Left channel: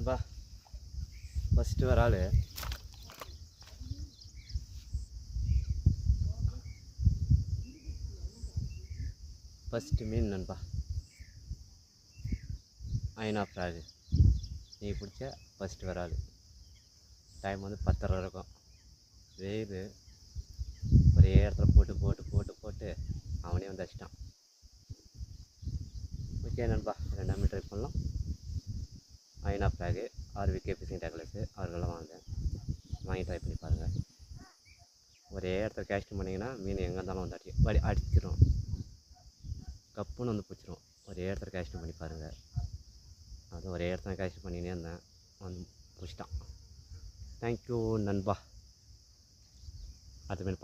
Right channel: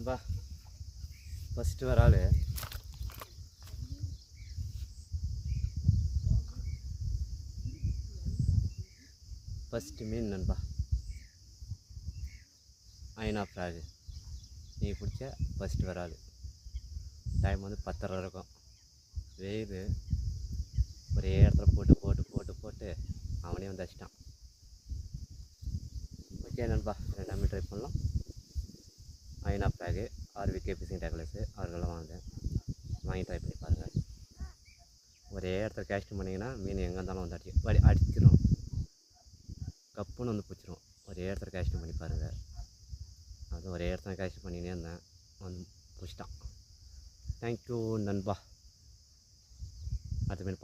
நண்பா ஃபஸ்ட்டு வர ஆள் ஃபஸ்ட்டு மீன் நண்பா ஐநா ஃப்ராகு நீ பிடிச்ச ஃபஸ்ட்டு வர ஆள். டைம் வந்து 10:30 இருக்கும். வெயில் ஒரே இடத்துல போட்டு போட்டு போட்டு போட்டு அவனே வந்து அடிச்சிட்டான். ஓகே நண்பா, ரெண்டாமே ட்ரை பண்ணலாம். ஐநா ஃப்ராகு ஆர்விகே ஃபிஷிங் டேக்லஸு அவர்களெல்லாம் வாங்கி ட்ரை பண்ணி பாருங்கள். ஒரே இடத்துல கேஸ்ட் பண்ணிங்கன்னா மீன் எங்கே இருந்தாலும் வந்து அடிச்சிடும். கப்புன்னு வந்து பிடிச்சிரும். ஒரே இடத்துல கேஸ்ட் பண்ணி பாருங்கள். அதுவும் ஒரே இடத்துல கேஸ்ட் பண்ணினே இருந்தேன், வந்து பிடிச்சிட்டான். தேங்க்யூ நண்பா. அடுத்த மீன்